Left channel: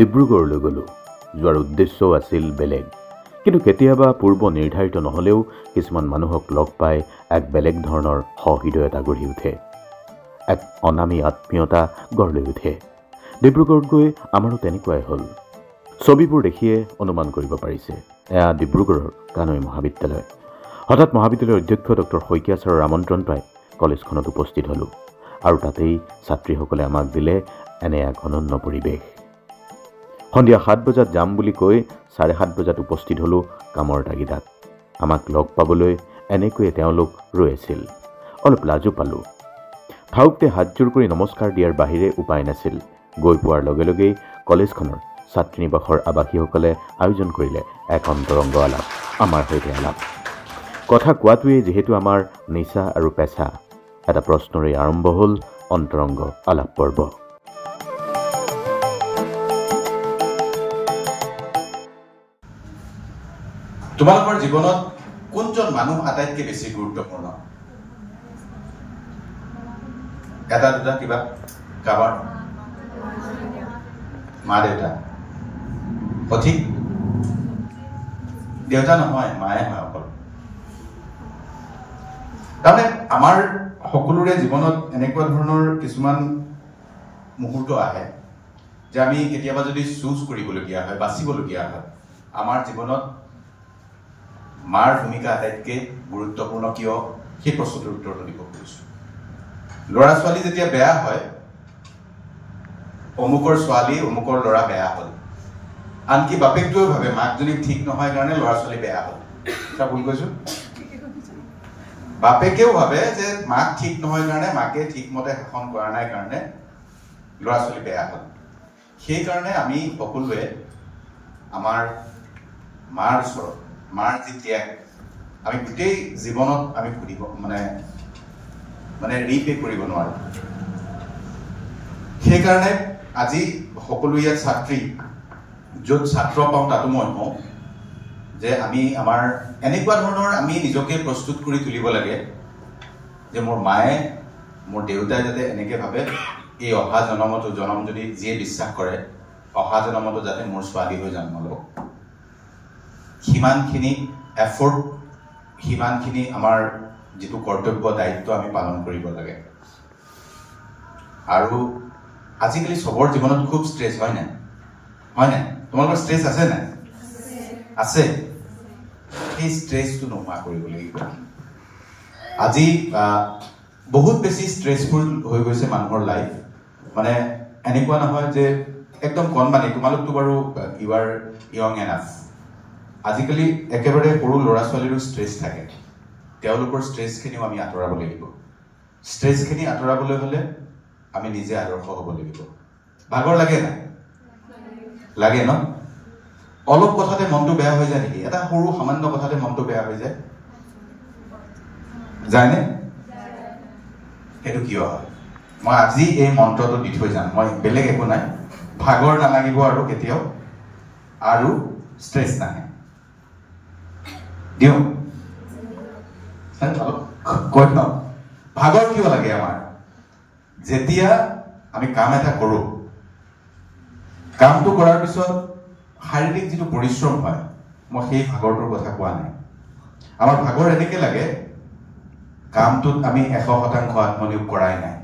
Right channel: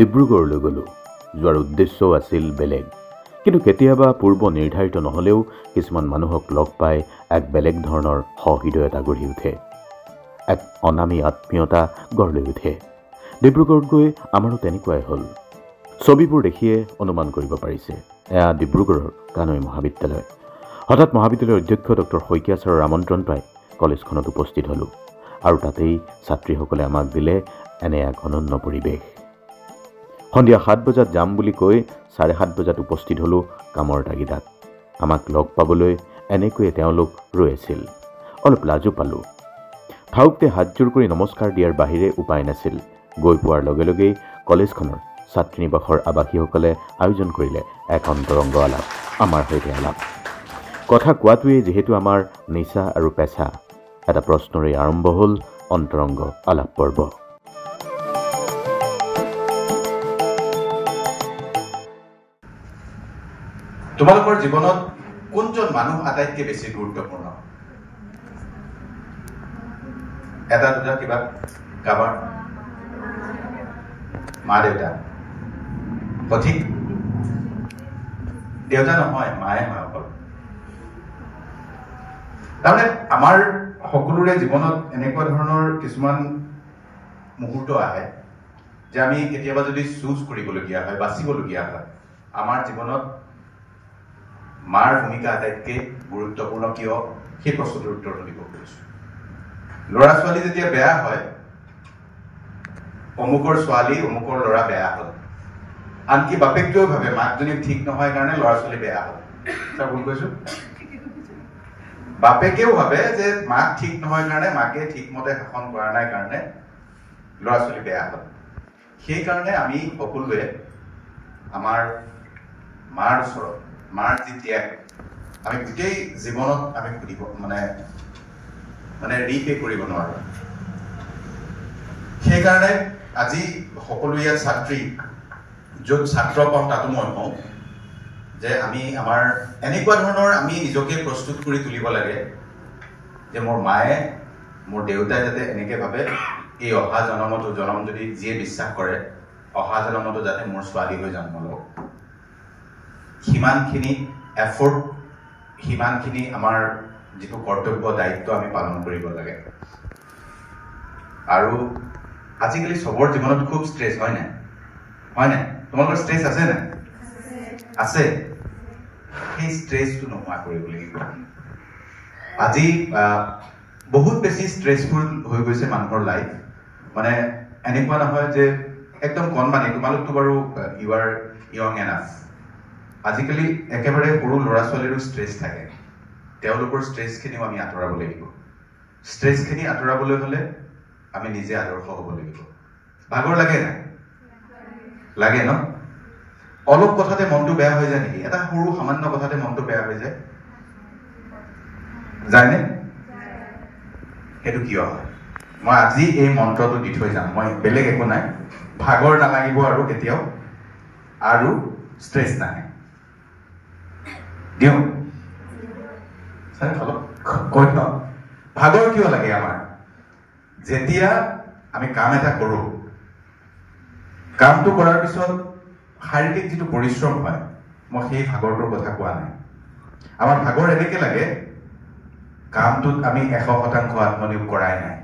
ডিব্ৰুগড়লৈ গ'লোঁ। যোৱাৰ উদ্দেশ্যও আছিল বেলেগ, কিন্তু কেতিয়াবা পূৰ্ব নিৰ্ধাৰিত নহ'লেও কিছুমান মানুহক লগ পাই এক বেলেগ ধৰণৰ সহৃদয়তা গঢ়ি উঠে, এক অনামী আত্মীয়তা গঢ় লৈ উঠে। ডিব্ৰুগড়ত গৈ আমাৰো তেনেকুৱাই হ'ল। ছবিবোৰ দেখিয়ে অনুমান কৰিব পাৰিছে, এয়া ডিব্ৰুগড়ৰ কানৈ মহাবিদ্যালয়। হঠাৎ মহাবিদ্যালয়ৰ অধ্যক্ষ ডক্টৰ শইকীয়া ছাৰৰ আমন্ত্ৰণ পাই কলেজখনত উপস্থিত হ'লোঁ, আৰু তাতেই ছাত্ৰীসকলে আমাক দিলে এনে এক অনন্য পৰিৱেশ। সন্ধিয়া 7 বজাত যাম বুলি কৈ 7:30 বজাত উপস্থিত হ'লোঁ কামৰ তাগিদাত। আমাক লগ পাবলৈ এনেকৈয়ে তেওঁলোক ৰৈ আছিল। অলপ লাজো পালোঁ। থাউকতে হাতযোৰ কৰি নমস্কাৰ দিয়াৰ বাহিৰে উপায় নাছিল। গৈ পোৱাৰ লগে লগেই কলেজখনৰ ছাত্ৰী নিবাসৰ আৱাসীসকলে আয়োজন কৰিলে এক অন্তৰংগ আলাপ, আমাৰ সৈতে আলাপ। কথা কোৱাটোৱেই যিহেতু আমাৰ নিচা আৰু পেচা, এটা প্ৰশ্নৰেই আৰম্ভ হ'ল অন্তৰংগ আলাপ পৰ্ব। তোমালোকৰ জীৱনত কোনজন মানুহ আটাইতকৈ বেছি গুৰুত্বপূৰ্ণ? এটা দুটা কিবা কাবাৰ? মা দেউতা। সঠিক? দেউতা নহয়, মায়ে হয় অকল। তাৰমানে আমাৰ সকলোৰে জীৱনত এনেকুৱা ধৰণৰ কিছুমান মুহূৰ্ত আহে যে আমি কেতিয়াবা যদি চুজ কৰিবলগীয়া হয়, বাচিবলগীয়া হয়, আমাৰ জীৱনত মাৰ ভূমিকা আটাইতকৈ গুৰুত্বপূৰ্ণ কিয়, সেই প্ৰশ্নটোৰ উত্তৰটো দিব খুজিছোঁ। ল'ৰা ছোৱালী যেতিয়া বেয়া হয়, অমুকৰ ছোৱালী অমুকৰ ল'ৰা বেয়া হ'ল, আনকি বাপেকটোৱেও ভাবে মাকজনী ঠিক নহয় কাৰণে ল'ৰা ছোৱালী বেয়া হ'ল। এটা ভুল কৈছো? বাপেকেও ভাবে যে মাক ঠিক নহয় কাৰণে, মাকে ঠিকমতে শাসন কৰা নাই কাৰণে ল'ৰা ছোৱালী বেয়া হ'ল। সেইকাৰণে আমি সকলোৱে আমাৰ মাৰ ওচৰত, মাৰ যি ত্যাগ, আমি গোটেই জীৱনত আমি সুধিব মানে ৰিপে কৰিব নোৱাৰো। সেইকাৰণে আজি সকলো ইয়াত ছাত্ৰী, য'ত ছাত্ৰ পাওঁ তাতো মই কওঁ যে আমি আমাৰ এনেকুৱা ধৰণৰ আমি নিজকে প্ৰস্তুত কৰি তুলিব লাগে যে মোৰ মায়ে, মোৰ দেউতাই যাতে এনেকৈ ভাবে এই অহা জনমতো, জনম যদি যিয়ে বিশ্বাস কৰে অহা জনমতো যাতে মোৰ ছোৱালী হৈ জন্ম লওক। সিমানখিনি এফৰ্ট, সিমানখিনি আমাৰ যিটো কৰ্তব্য দায়িত্ব আমি পালন কৰিব লাগে। আৰু আজিকালি চবৰ জীৱনত খুব ষ্ট্ৰেছ হয় নাই? হয় নাই? তোমালোকৰ ষ্ট্ৰেছ আছে নাই? আছে। সেই ষ্ট্ৰেছটো নোহোৱা কৰিব লাগিব। আজি বহুত বেছি ষ্ট্ৰেছফুল হৈ গৈছে মানুহৰ লাইফ। মানে এনেকুৱা নহয় যে একদম কণমানি, তোমালোকতো বাৰু ইউ আৰ য়ং এনাফ। আজিকালি একেবাৰে সৰু ল'ৰা ছোৱালীৰো ষ্ট্ৰেছ থাকে। তেওঁলোকৰ ষ্ট্ৰেছখিনিও আমি আঁতৰাব লাগিব। ষ্ট্ৰেছখিনি আঁতৰাবলৈ হ'লে আমি নিজে আদৰ্শ হ'ব লাগিব। ভাগৰ লাগে নাই? লাগে ন? অলপ কথাতে মনটো বেয়া হৈ যায় নেকি? এটা সৰু সামান্য কথাতে মনটো বেয়া হৈ যায়? যায়নে? সেইটো কিয় হয়? মই আজি এই মন্ত্ৰটো দি থৈ যাম, মই বেলেগ একো নাই। ভাগৰ নালাগিব আৰু কেতিয়াও, আৰু ষ্ট্ৰেছ নাহে। দিওঁ কৈ ন, ভাগৰ কিয় লাগে আমাৰ? যেতিয়া আমি কাম এটা কৰোঁ, কামটো কৰাৰ পিছত শাৰীৰিক যিটো পৰিশ্ৰম হয়, মই সেই ভাগৰটোৰ কথা কোৱা নাই। আমাৰ ভাগৰ এনেকৈ লাগে কামটোত আমি 100% আত্মনিয়োগ কৰাই নাই।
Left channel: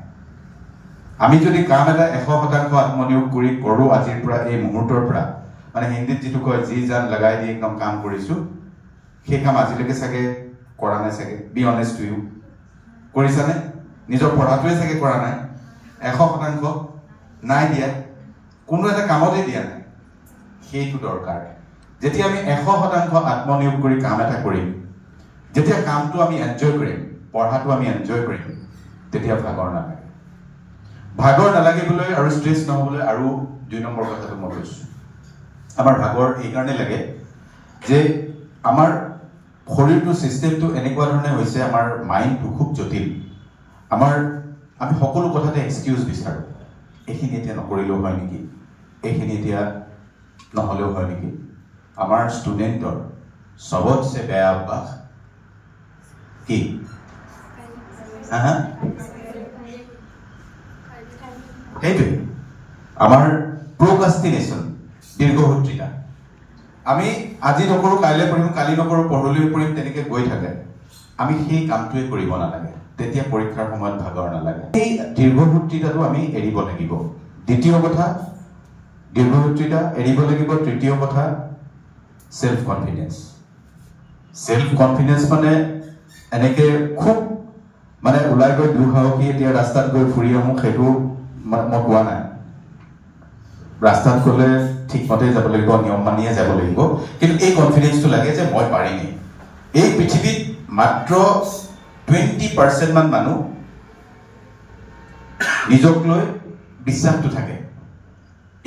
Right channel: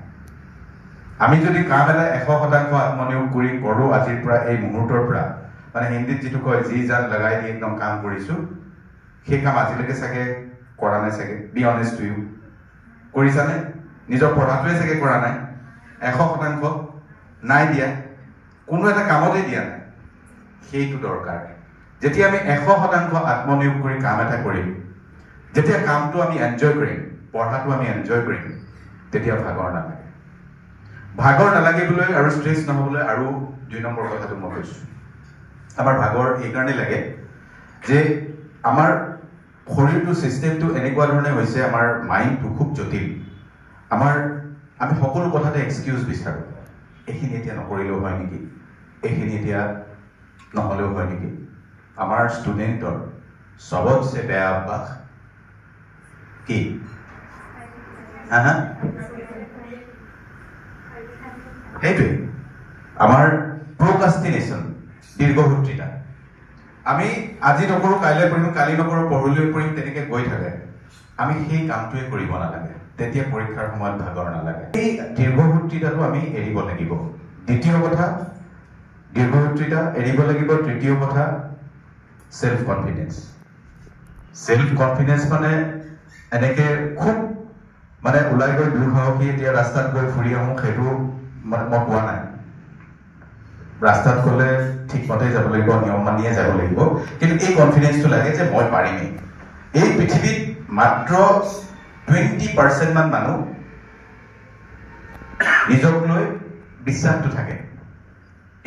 আমি যদি কাম এটা 100% আত্মনিয়োগ কৰি কৰোঁ আজিৰ পৰা, এই মুহূৰ্তৰ পৰা, মানে হিন্দীত যিটো কয় যি জান লগাই দি একদম কাম কৰিছোঁ, সেই কাম আজিলৈকে চাগে কৰা নাই চাগে। বি অনেষ্ট টু ইউ, কৰিছানে? নিজৰ পঢ়াটোৱে চাগে কৰা নাই। 100% নাই দিয়া, কোনো এটা কামতে দিয়া নাই। সেইটো দৰকাৰ। যেতিয়া আমি 100% আত্মনিয়োগ কৰি কাম এটা কৰিম, যেতিয়া কামটো আমি এনজয় কৰিম, পঢ়াটো আমি এনজয় কৰিম, তেতিয়া ভাগৰ নালাগে। ভাগৰ নালাগিবলৈ আৰু ষ্ট্ৰেছ নহ'বলৈ আৰু 2 নম্বৰ কথাটো মই কৈছোঁ। আমাৰ ভাগৰ এইকাৰণে লাগে যে আমাৰ শৰীৰটো, ছিষ্টেমটো এনেকুৱা ধৰণে হৈছে, আমাৰ মাইণ্ডটো খুব জটিল। আমি সকলো কথাতে এক্সকিউজ বিচাৰোঁ। এইখিনি এতিয়া নকৰিলেও হয় নেকি? এইখিনি এতিয়া নহ'লেও হয় নেকি? আমাৰ ষ্টুডেণ্টৰ চবতছে বেয়া অভ্যাস কি? সেইটোৱে আমাৰ প্ৰকাষ্টিনেশ্যন। দীৰ্ঘসূত্ৰিতা আমি আজি নকৰোঁ কাইলৈ কৰিম কালি নকৰোঁ পৰহিলৈ কৰিম তেনেকৈ গৈ থাকে আমি সেই কামটোৱে কৰিব নালাগে তেতিয়া পৰীক্ষাৰ সময়ত ভাগৰ নালাগে এই দীৰ্ঘসূত্ৰিতাটো আমি এৰিব লাগিব দ্বিতীয় কথা দীৰ্ঘসূত্ৰিতা এৰিব লাগিব তৃতীয় কথা সেলফ কনফিডেন্স মানে এনেকৈ খুব মানে ওলাই গৈ দুঃসাহসী এতিয়া ৰাস্তাত গৈ ফুৰি আহোঁ সেইটো মই কোৱা নাই ৰাস্তাত গ'লে ঠিকমতে যাব লাগিব নিয়ম মানিয়ে যাব লাগিব কিন্তু এই কনফিডেন্সটো লাগে যে মই পাৰিমেই এই পৃথিৱীত মাত্ৰ 20% মান মানুহ নিজক লৈ বিশ্বাসটো থাকে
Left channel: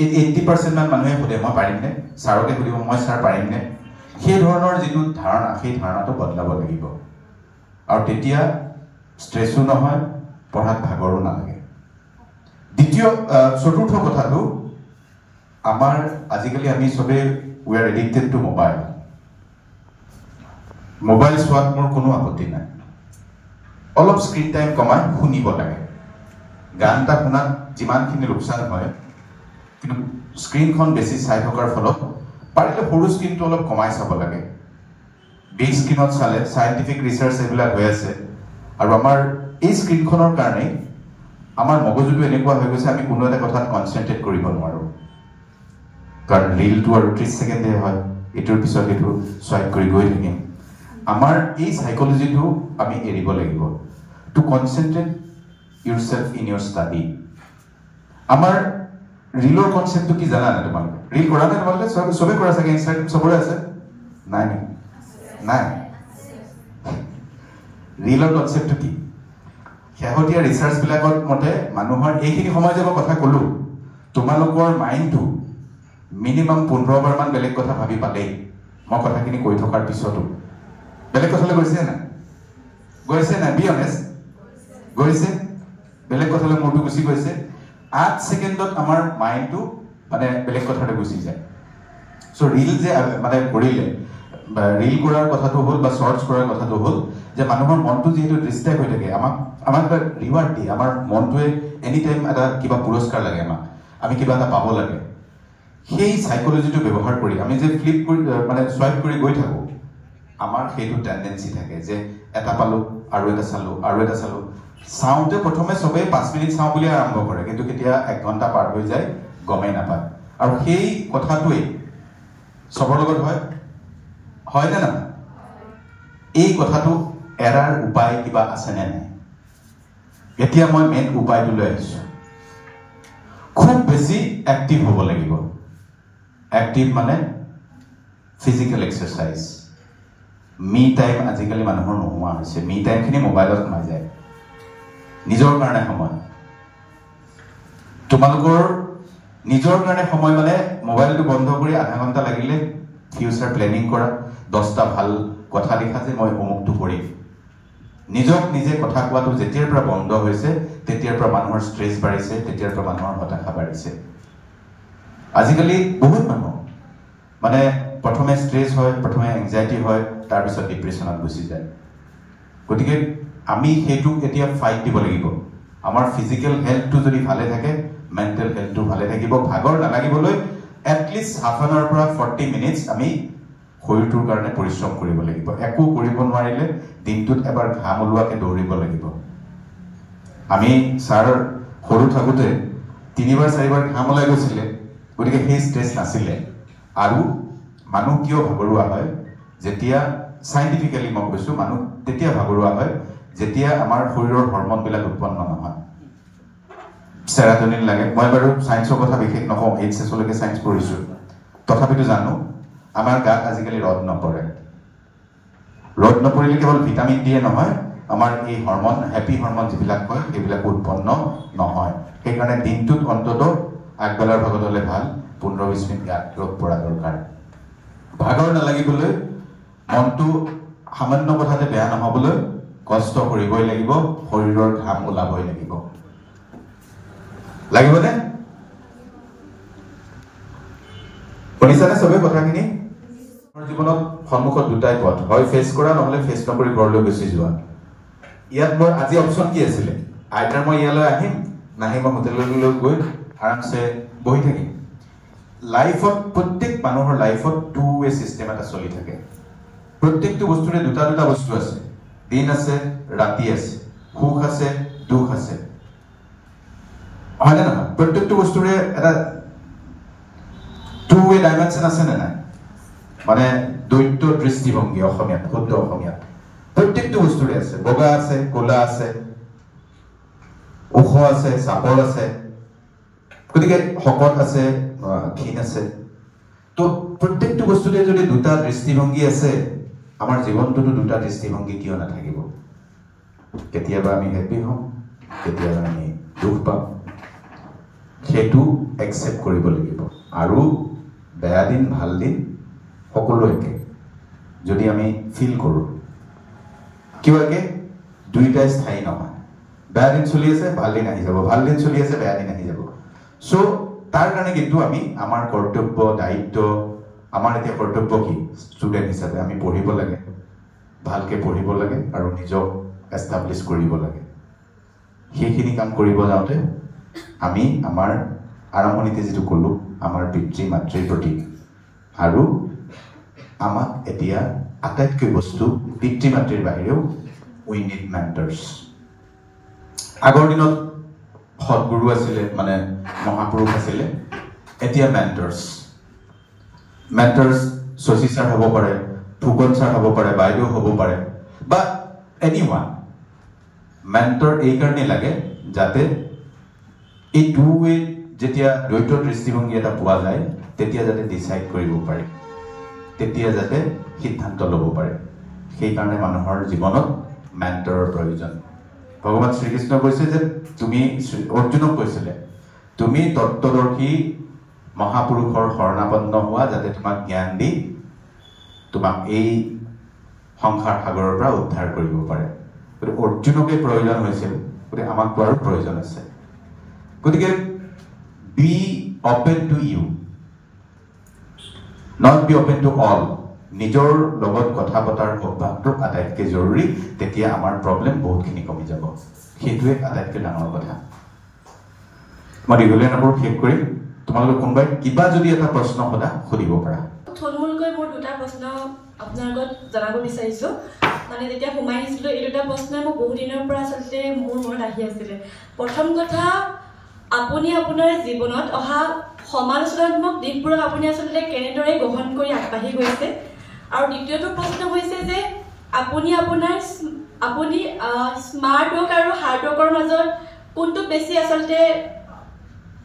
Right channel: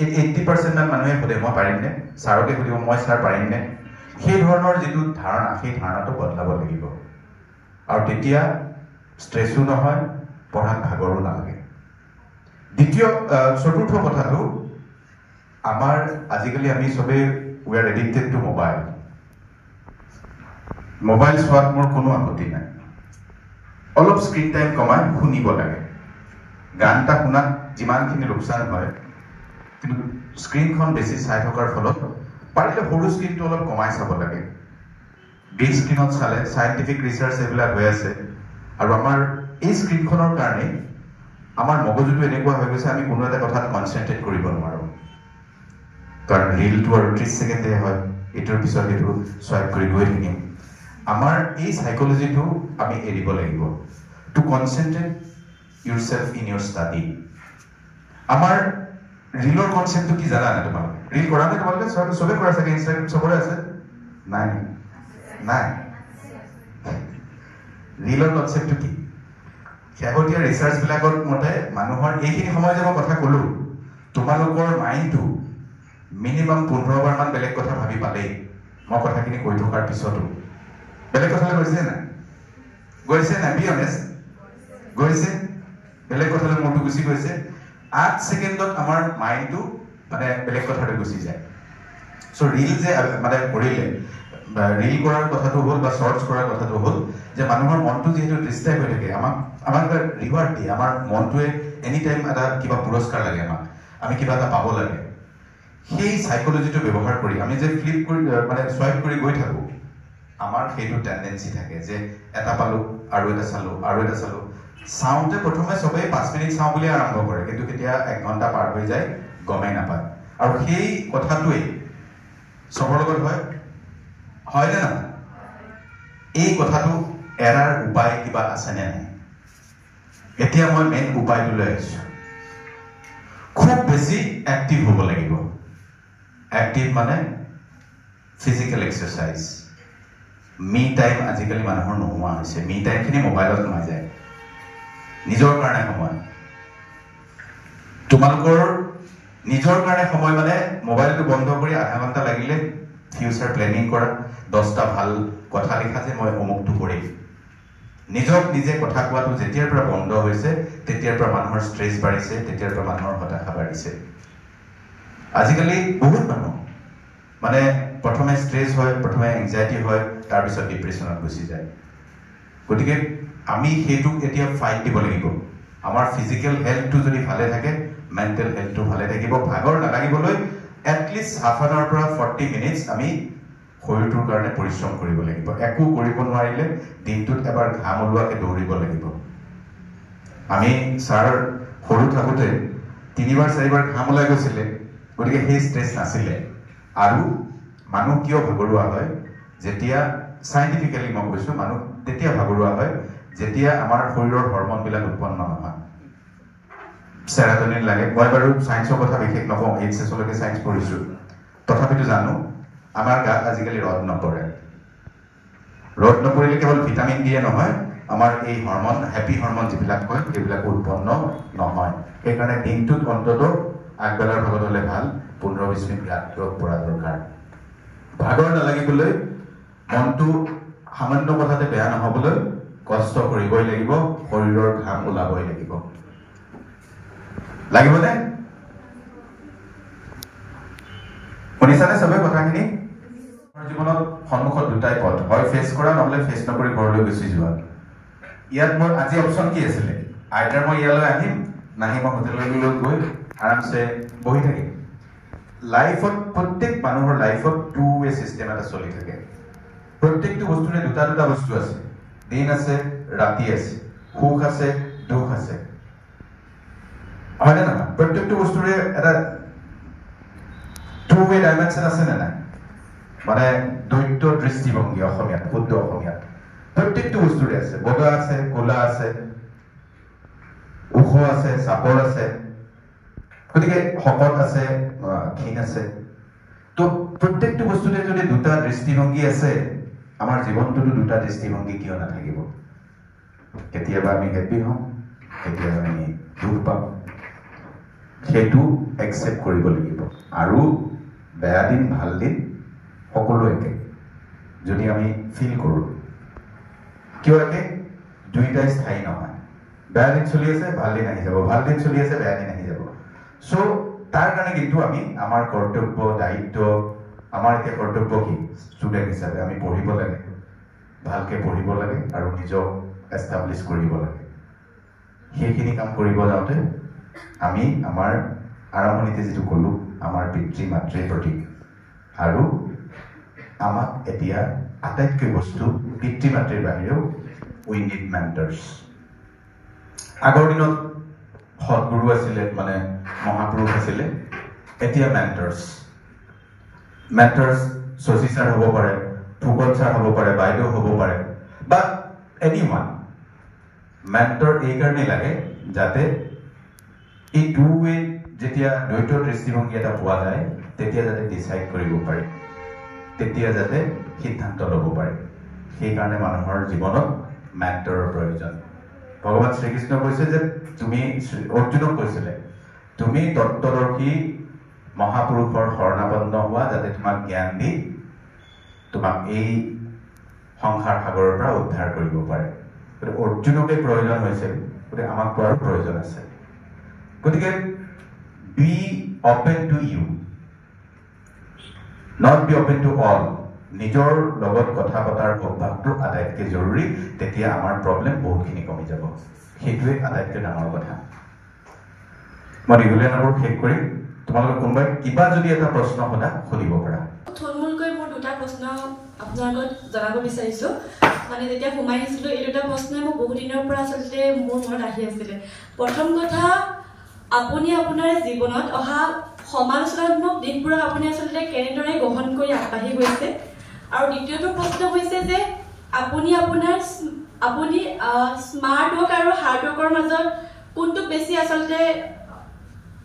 এই 80% মান মানুহে সোধে মই পাৰিমনে ছাৰকে সুধিব মই ছাৰ পাৰিমনে সেই ধৰণৰ যিটো ধাৰণা সেই ধাৰণাটো বদলাব লাগিব আৰু তেতিয়া ষ্ট্ৰেছো নহয় পঢ়াত ভাগৰো নালাগে চতুৰ্থ কথাটো আমাৰ আজিকালি আমি সবে we are addicted two mobile চোৱাত মোৰ কোনো আপত্তি নাই অলপ স্ক্ৰীন টাইম কমাই শুনিব লাগে গান এটা শুনাত যিমানখিনি লোকচান হয় কিন্তু স্ক্ৰীনখন বেছি চাই থকাৰ ফলত পাৰিলে সৰু স্ক্ৰীনটো অলপ কমাই চাব লাগে বিগ স্ক্ৰীনত চালে চাইণ্টিফিক ৰিচাৰ্চ এইবিলাক হৈ আছে আৰু আমাৰ এই স্ক্ৰীনখনৰ কাৰণে আমাৰ মগজুটো এনেকুৱা হৈ গৈছে আমি কোনো এটা কথাত কনচেনট্ৰেট কৰিব নোৱাৰোঁ কাৰণ ৰীলটো আৰু 30 ছেকেণ্ডে হয় এইটোৰ পিছত এইটো চুৱাইপ কৰি গৈ থাকিম আমাৰ এই সাইকোলজিটো আমি এৰিব লাগিব to concentrate yourself in your study আমাৰ ৰীলৰ কনসেপ্টটো কি জানা না তোমালোকে ৰীল কৰা নাই তোমালোকে সবে কৰা আছে ইনষ্টাগ্ৰাম সবৰে আছে নাই ৰীলৰ কনসেপ্টটো কি শেহতীয়া ৰিচাৰ্চ বিলাকৰ মতে মানুহৰ এইখিনি সময় যে মই কথা ক'লো তোমালোকৰ মাইণ্ডটো মিনিমাম 15 বাৰ মান বেলেগ কথা ভাবি পালেই মই কথাখিনি কৈ থকাৰ পিছতো বেলেগ কথালৈ গৈছে নাই বি অনেষ্ট গৈছে বেলেগ কথালৈ মনটো গুচি গৈছে 8 ছেকেণ্ডত আমাৰ মাইণ্ডটো মানে বেলেগ কথালৈ গুচি যায় সো ৰীল যে মানে কৰিলে ৰীল কৰাৰ কথাটো হ'ল বা শৰ্টছ কৰাৰ কথাটো হ'ল যে মানুহৰ মনটো যেহেতু ডিস্ট্ৰেক্ট হৈ থাকে আমাক এটা ৰিৱাৰ্ড দিয়ে আমাৰ মনটোৱে এনি টাইম এটা কিবা পুৰস্কাৰ লাগে আমি কিবা এটা পাব লাগে সেই সাইকোলজিটো ব্যৱহাৰ কৰি আমি যে ফ্লিপ কৰি মানে সোৱাইপ কৰি গৈ থাকোঁ আমাৰ সেইটো টেন্ডেন্সি থাকে যে এটা পালোঁ আৰু এটা চালোঁ চাওঁতে প্ৰথমে সবে 5 মিনিট চাওঁ বুলি আৰম্ভ কৰে কিন্তু কেতিয়া 1 ঘণ্টা পাৰ হৈ যায় গমেই নাপায় আৰু সেই কথাটোৱে সবৰ লগত হয় নে নহয় এই কথাটো এৰাৰ উপায় কিবা আছে নে নাই এতিয়া মই মেইন উপায়টো লৈ আহিছোঁ খুব বেছি এক্টিভ হ'ব লাগিব এক্টিভ মানে ফিজিক্যাল এক্সাৰসাইজ মি টাইম আজিকালি মানুহৰ নোহোৱা হৈছে মি টাইমখিনি মোবাইলত সোমাই যায় নিজৰ কাৰণে সময় তোমালোকৰ নিজৰ কাৰণে সময় মানে মোবাইলটো বন্ধ কৰি আধা ঘণ্টা লাগিলে ফিউচাৰ প্লেনিং কৰা 10টা ভাল কথা লিখা যে মই অমুকটো কৰিম নিজক নিজে কথা কোৱাটো যেতিয়াৰ পৰা বন্ধ হৈছে তেতিয়াৰ পৰা মানুহৰ ষ্ট্ৰেছ বাঢ়িছে তেতিয়াৰ পৰা মানুহৰ হতাশা বাঢ়িছে আজিকালি বহুত মানুহ মানে প্ৰথমে ষ্ট্ৰেছ হয় প্ৰথমে এংজাইটি হয় তাৰপিছত ডিপ্ৰেছনত গুচি যায় গতিকে আমি সেইটো এতিয়া ফাইট দিব লাগিব আমাৰ ফিজিক্যাল হেলথটো যদি ভালে থাকে মেণ্টেল হেলথটো ভালে থাকিব ভাগৰ নালাগিবলৈ এটলিষ্ট হাফ এন আৱাৰ পৰা 40 মিনিটছ আমি শৰীৰটোৰ কাৰণে পৰিশ্ৰম কৰিব লাগিব একো কৰিব নোৱাৰিলে দিনটোত এবাৰ ঘাম ওলোৱাকে দৌৰিব লাগিব আমি ছাৰ সৰু থাকোঁতে 3বাৰ 4বাৰ ঘাম ওলাই গৈছিলে গতিকে সেই ষ্ট্ৰেছ নাছিলে আৰু মানুহ কিয় ভাগৰুৱা হয় যেতিয়া সাইন্টিফিক্যালি মই কৈছোঁ মানুহ তেতিয়া ভাগৰুৱা হয় যেতিয়া আমাৰ শৰীৰৰ হৰমনবিলাক উৎপন্ন নহয় সেৰাটনিন লাগে মই বাৰু সায়েন্সৰ কথা বিশেষ নকওঁ এইচএছলৈকে সায়েন্স পঢ়িছোঁ তথাপিতো জানো আমাৰ গাত আজিকালি ৰদ নপৰিলে কেৱল ভিটামিন দিয়ে নহয় আমাৰ এই হৰমন হেপী হৰমন যিবিলাক হয় সেইবিলাক উৎপন্ন নহয় সেইকাৰণে দিনটোত অন্তত আগবেলাৰ ভাগত হ'লে ভাল 15-20 মিনিট গাত ৰদ পৰা দৰকাৰ ভাগৰ নালাগিবলৈ মনটো সামান্য কথাতে বেয়া নহ'বলৈ কষ্ট কৰিবই লাগিব শৰীৰৰ ঘাম ওলাবই লাগিবনে শুনিছানে সবে কথাখিনি জীৱনত সন্মুখত দুটাই পথ হয় ফেচ কৰা নহ'লে ফেচ নকৰি ঘৰলৈ গুচি যোৱা ইয়াত মোৰ আজি অপশ্যন কি আছিলে আইতাৰ মই ইয়ালৈ আহিম নাহি মই হোটেললৈ গৈ আৰামছে বহি থাকিম লাইফত প্ৰত্যেক মানুহৰ লাইফত টু ৱে চিষ্টেম এটা চলি থাকে প্ৰত্যেকটো বস্তুৰে দুটা দুটা বস্তু আছে দিন আছে ৰাতি আছে সুখ আছে দুখ আছে হয় না প্ৰত্যেকটো বস্তুৰে এটা টু ৱে ডাইমেনশন আছে না নাই মানে দ্বৈত দৃষ্টিভংগী অসমীয়াত শুদ্ধ অসমীয়াত প্ৰত্যেকটো বস্তুৰে আছে বগা আছে ক'লা আছে ওখ আছে চাপৰ আছে গতিকে শকত আছে ক্ষীণ আছে তো প্ৰত্যেকটো বস্তুৰে যদি দুটা দৃষ্টিভংগী আছে আমাৰ জীৱনটোতো দুটা দৃষ্টিভংগী কিয় নাথাকিব কেতিয়াবা আমি হেপি হওঁ কেতিয়াবা আমি দুখ পাওঁ সেইটো একচেপ্ট কৰিব লাগিব আৰু বেয়া দিন ভাল দিন সকলো একে যদি আমি ফিল কৰোঁ কিয় একে দুইটাই স্থায়ী নহয় বেয়া দিন চলি আছে ভাল দিন আহি যাব ভাল দিন চলি আছে বেয়া দিন আহি যাব সো তাৰ কাৰণে কিন্তু আমি আমাৰ কৰ্তব্য দায়িত্ব আমাৰ এতিয়া কৰ্তব্য কি ষ্টুডেণ্ট হিচাপে আমি পঢ়িব লাগে ভালকৈ পঢ়িব লাগে আৰু নিজক এষ্টাব্লিছ কৰিব লাগে সেইখিনি কাম কৰিব যাওঁতে আমি আমাৰ আৰম্ভণিতে যিটো ক'লোঁ আমাৰ পিতৃ মাতৃৰ প্ৰতি আৰু আমাক এতিয়া আটাইতকৈ বস্তু পিতৃ মাতৃৰ বাহিৰেও উই নিড মেণ্টৰ্ছ আগৰ দিনত সৎগুৰু আছিলে মানে মহাপুৰুষ আছিলে এতিয়া মেণ্টৰ্ছ শশী ছাৰ হ'ব পাৰে ফুকন ছাৰ হ'ব পাৰে বাইদেউ হ'ব পাৰে বা এনিৱান মেণ্টৰ এই কাৰণেই লাগে যাতে এই টু ৱে যেতিয়া দ্বৈত দৃষ্টিভংগী এটা পোৱা যায় তেতিয়া যাতে ডিচাইড কৰিব পাৰে তেতিয়া যাতে সিদ্ধান্ত ল'ব পাৰে সেইকাৰণে মানুহৰ জীৱনত মেণ্টৰৰ প্ৰয়োজন ভগৱান শ্ৰীকৃষ্ণ কৈছে যে তুমি অৰ্জুনক কৈছিলে তুমি তত্ত্বদৰ্শী মহাপুৰুষৰ শৰণাপন্ন হোৱা যাতে তোমাক জ্ঞান দি তোমাক এই সংসাৰ সাগৰৰ পৰা উদ্ধাৰ কৰিব পাৰে গতিকে অৰ্জুনকে প্ৰয়োজন হৈছিল গতিকে আমাকতো আৰু প্ৰয়োজন আছে গতিকে be open to you not be open to all নিজৰ লগত কথা পতাৰ অভ্যাসটো আটাইতকৈ জৰুৰী তেতিয়া আমাৰ প্ৰব্লেম বহুতখিনি কমি যাব সেইটোৱে আটাইতকৈ ডাঙৰ কথা মই দীঘলীয়া নকৰোঁ শেষ কৰিম তোমালোকে কোনোবাই কিবা যদি এটা প্ৰশ্ন সোধা সুধিব পাৰা থুলমূলকৈ মোৰ দুটা প্ৰশ্ন আপোনাৰ আগত জনাব বিচাৰিছোঁ মানে যেতিয়া সোমাই আহিছিলোঁ এই দুটা প্ৰশ্নই মোক বহু দিনৰ পৰা আচলতে মোৰ মনত আহি আছিলে প্ৰথম কথা আপুনি আপোনাৰ জীৱনত অহা সমালোচনাত্মক দিশবোৰক আপুনি আচলতে কেনেদৰে গ্ৰহণ কৰি আগবাঢ়ি গৈছে আৰু দ্বিতীয়টো প্ৰশ্ন হৈছে যে আপুনি স্মাৰ্ট ৱৰ্ক আৰু হাৰ্ড ৱৰ্কৰ মাজত কোনটো বেছি আচলতে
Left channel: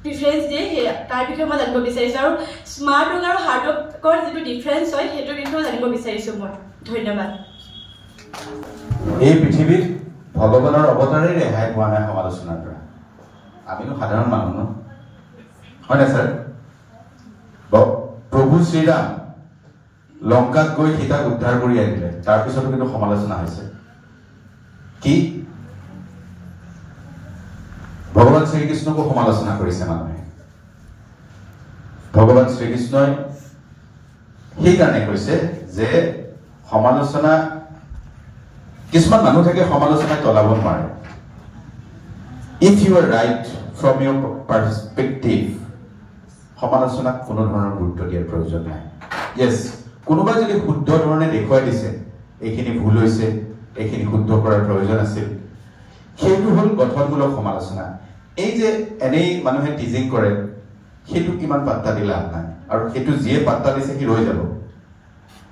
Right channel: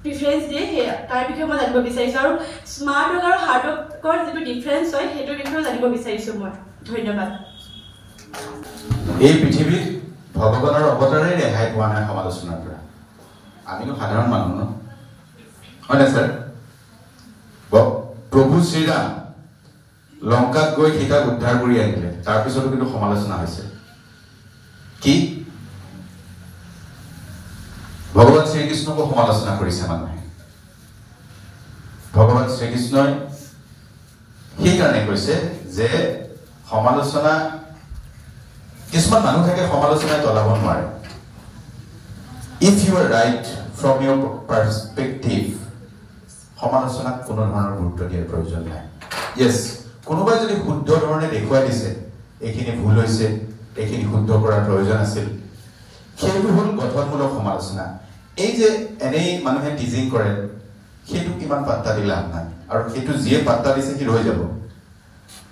ডিফাৰেঞ্চ দিয়ে তাৰ বিষয়ে মই জানিব বিচাৰিছোঁ আৰু স্মাৰ্ট ৱৰ্ক আৰু হাৰ্ড ৱৰ্কৰ যিটো ডিফাৰেঞ্চ হয় সেইটোৰ বিষয়ে জানিব বিচাৰিছোঁ মই ধন্যবাদ এই পৃথিৱীত ভগৱানৰ অৱতাৰেই ৰেহাই পোৱা নাই সমালোচনাৰ পৰা আমিনো সাধাৰণ মানুহ ন হয় না ছাৰ প্ৰভু শ্ৰীৰাম লংকাত গৈ সীতাক উদ্ধাৰ কৰি আনিলে তাৰপিছতো কিন্তু সমালোচনা হৈছে কি ভগৱান শ্ৰীকৃষ্ণকো সমালোচনা কৰিছে মানুহে ভগৱান শ্ৰীকৃষ্ণই সেইকাৰণে কৈছে যে সমালোচনা কিছুমান মানুহ থাকে সমালোচনাই তলাব নোৱাৰে if you are right from your perspective সমালোচনাক কোনো ধৰণৰ গুৰুত্ব দিয়াৰ প্ৰয়োজন নাই য়েছ কোনোবাই যদি শুদ্ধ ধৰণে দেখুৱাই দিছে এইখিনি ভুল হৈছে এইখিনি শুদ্ধ কৰাৰ প্ৰয়োজন আছিল সেইটো হ'ল গঠনমূলক সমালোচনা এই যে এনেই মানুহে টিজিং কৰে সেইটো কিমান পাত্তা দি লাভ নাই আৰু সেইটো যিয়ে পাত্তা দিছে সি ৰৈ যাব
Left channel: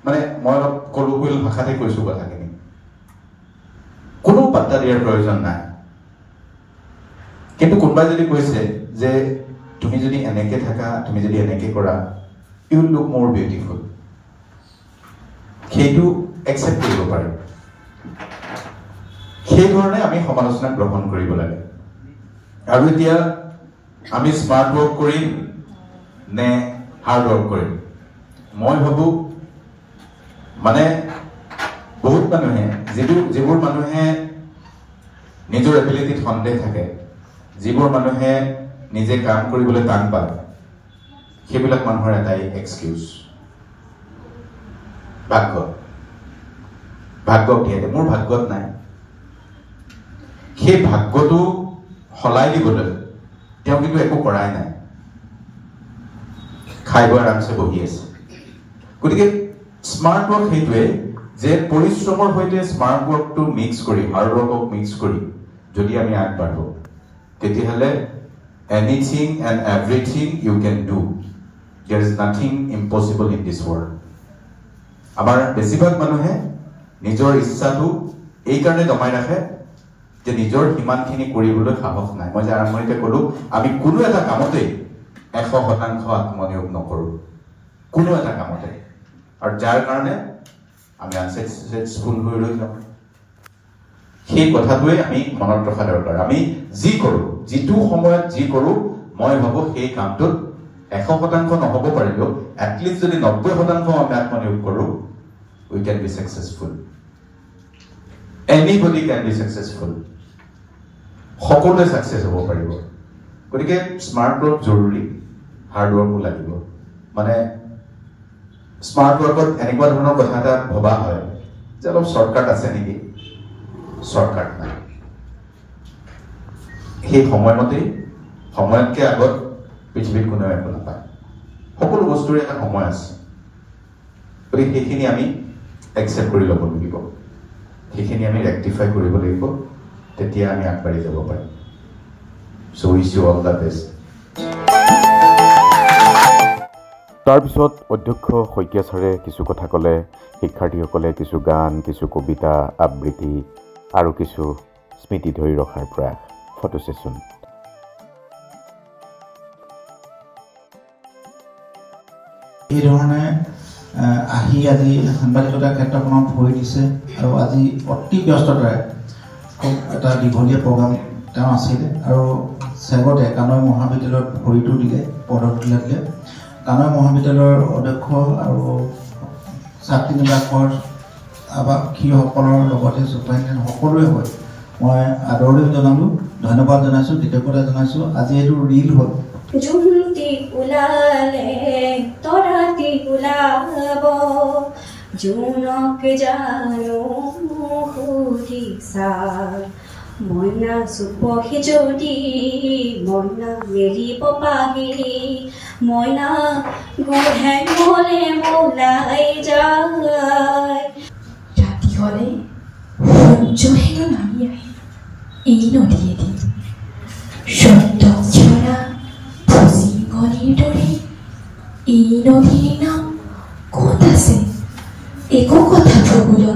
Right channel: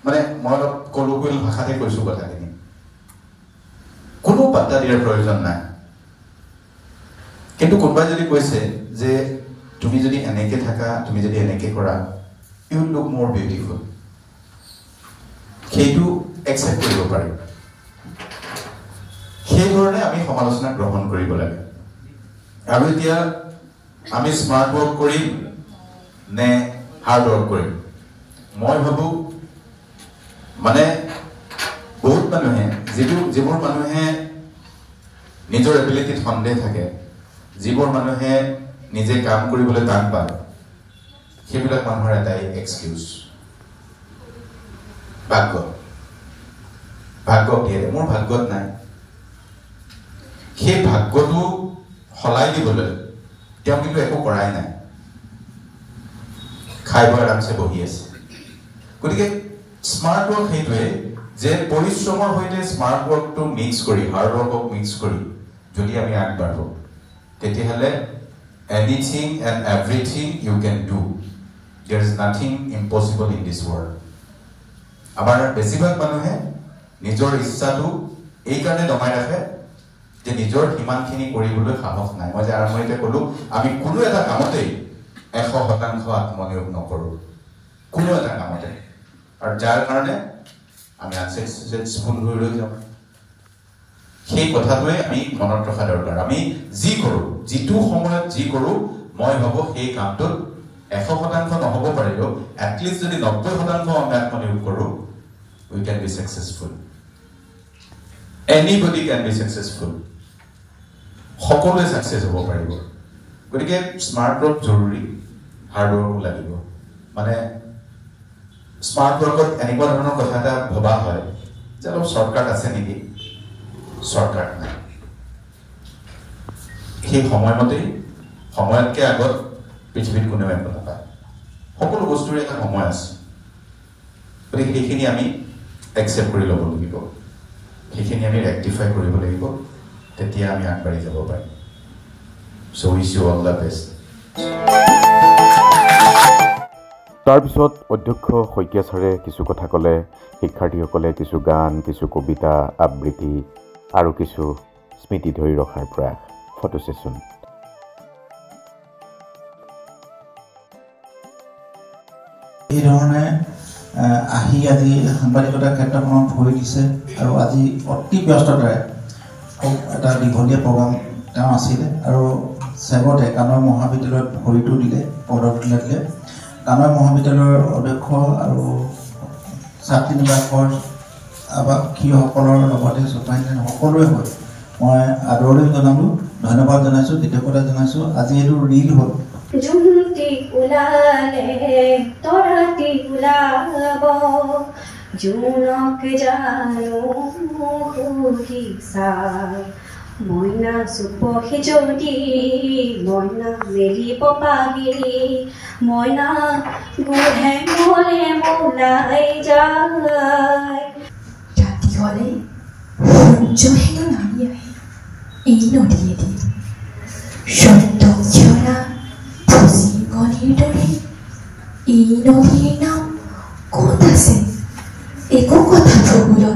মানে মই অলপ কলোকুৱেল ভাষাতে কৈছোঁ কথাখিনি কোনো পাত্তা দিয়াৰ প্ৰয়োজন নাই কিন্তু কোনোবাই যদি কৈছে যে তুমি যদি এনেকে থাকা তুমি যদি এনেকে কৰা ইউ লুক মোৰ বিউটিফুল সেইটো একচেপ্ট কৰিব পাৰি সেইধৰণে আমি সমালোচনা গ্ৰহণ কৰিব লাগে আৰু এতিয়া আমি স্মাৰ্ট ৱৰ্ক কৰিম নে হাৰ্ড ৱৰ্ক কৰিম মই ভাবোঁ মানে বহুত মানুহে যিবোৰ মানুহে নিজৰ এবিলিটিত সন্দেহ থাকে যিবোৰ মানুহে নিজে কাম কৰিবলৈ টান পায় সেইবিলাক মানুহৰ এটাই এক্সকিউজ ভাগ্যক দিয়ে মোৰ ভাগ্যত নাই সেই ভাগ্যটো সলাই দিবলৈ তেওঁ কিন্তু একো কৰাই নাই খাই বৈ আৰামছে বহি আছে গতিকে স্মাৰ্ট ৱৰ্ক সেইটোৱে যে পৰিশ্ৰমৰ সৈতে স্মাৰ্ট ৱৰ্কটো মিক্স কৰি হাৰ্ড ৱৰ্কক মিক্স কৰি যদি আমি আগবাঢ়ো তেতিয়াহ'লে anything and everything you can do there is nothing impossible in this world আমাৰ বেছিভাগ মানুহে নিজৰ ইচ্ছাটো এইকাৰণে দমাই ৰাখে যে নিজৰ সিমানখিনি কৰিবলৈ সাহস নাই মই যে আৰম্ভণিতে ক'লোঁ আমি কোনো এটা কামতেই 100% আত্মনিয়োগ নকৰোঁ কোনো এটা কামতে আৰু যাৰ কাৰণে আমি আনসাকসেসফুল হৈ ৰৈ যাওঁ সেই কথাটোৱে আমি মনত ৰখা দৰকাৰ আমি যি কৰোঁ যিটো সময়ত যি কৰোঁ মই ভাবোঁ সেই কামটোত 100% নহ'ব পাৰিলেও এটলিষ্ট যদি 90% আমি আত্মনিয়োগ কৰোঁ we can be successful anybody can be successful সকলোৱে সাকসেস হ'ব পাৰিব গতিকে স্মাৰ্ট ৱৰ্ক জৰুৰী হাৰ্ড ৱৰ্কো লাগিব মানে স্মাৰ্ট ৱৰ্কত এনেকুৱা ধৰণৰ কথা এটা ভবা হয় যে অলপ শৰ্টকাট আছে নেকি শৰ্টকাট নাই সেই সময়মতেই সময়তকৈ আগত পৃথিৱীত কোনেও একো নাপায় সকলো বস্তুৰে এটা সময় আছে গতিকে সেইখিনি আমি একচেপ্ট কৰি ল'ব লাগিব সেইখিনি আমি ৰেক্টিফাই কৰিব লাগিব তেতিয়া আমি আগবাঢ়ি যাব পাৰিম so' wish you all the best তাৰপিছত অধ্যক্ষ শইকীয়া ছাৰে কিছু কথা ক'লে শিক্ষাৰ্থীসকলে কিছু গান কিছু কবিতা আবৃত্তি আৰু কিছু স্মৃতি ধৰি ৰখাৰ প্ৰয়াস ফটো ছেছন এই ধৰণে আহি আজি সাংবাদিকতাৰ ক্ষেত্ৰখনত ভৰি দিছে আৰু আজি অতি ব্যস্ততাৰে এটা দীঘলীয়া প্ৰগ্ৰাম তেওঁ আছিলে আৰু চেগতে কানৈ মহাবিদ্যালয়ত ভৰিটো দিলে পদত দিলে কানৈ মহাবিদ্যালয়ৰ অধ্যক্ষ আৰু ছাত্ৰী নিবাসৰ আৱাসীসকলৰ লগতে চুপাৰিনটেণ্ডেণ্ট সকলোৱে হৈ মই আদৰণি জনালোঁ ধন্যবাদ জনাইছোঁ কৃতজ্ঞতা জনাইছোঁ আজি এইটো ৰিল হ'ল জুমটি ওলালে তৰাটি ওলাব জোনক জানো সুধিছা মইনা চুপহি যদি মইনা মেলিব পাহি মইনা গোহে গলে মোলাই যায় ৰাতি হলে সূৰ্যহেনো নামি আহে এই নদীয়েদি সত্যক ঝৰা গণিৰ দৰে এই নদীৰ নাম ক'ত আছে একো কথা প্ৰবল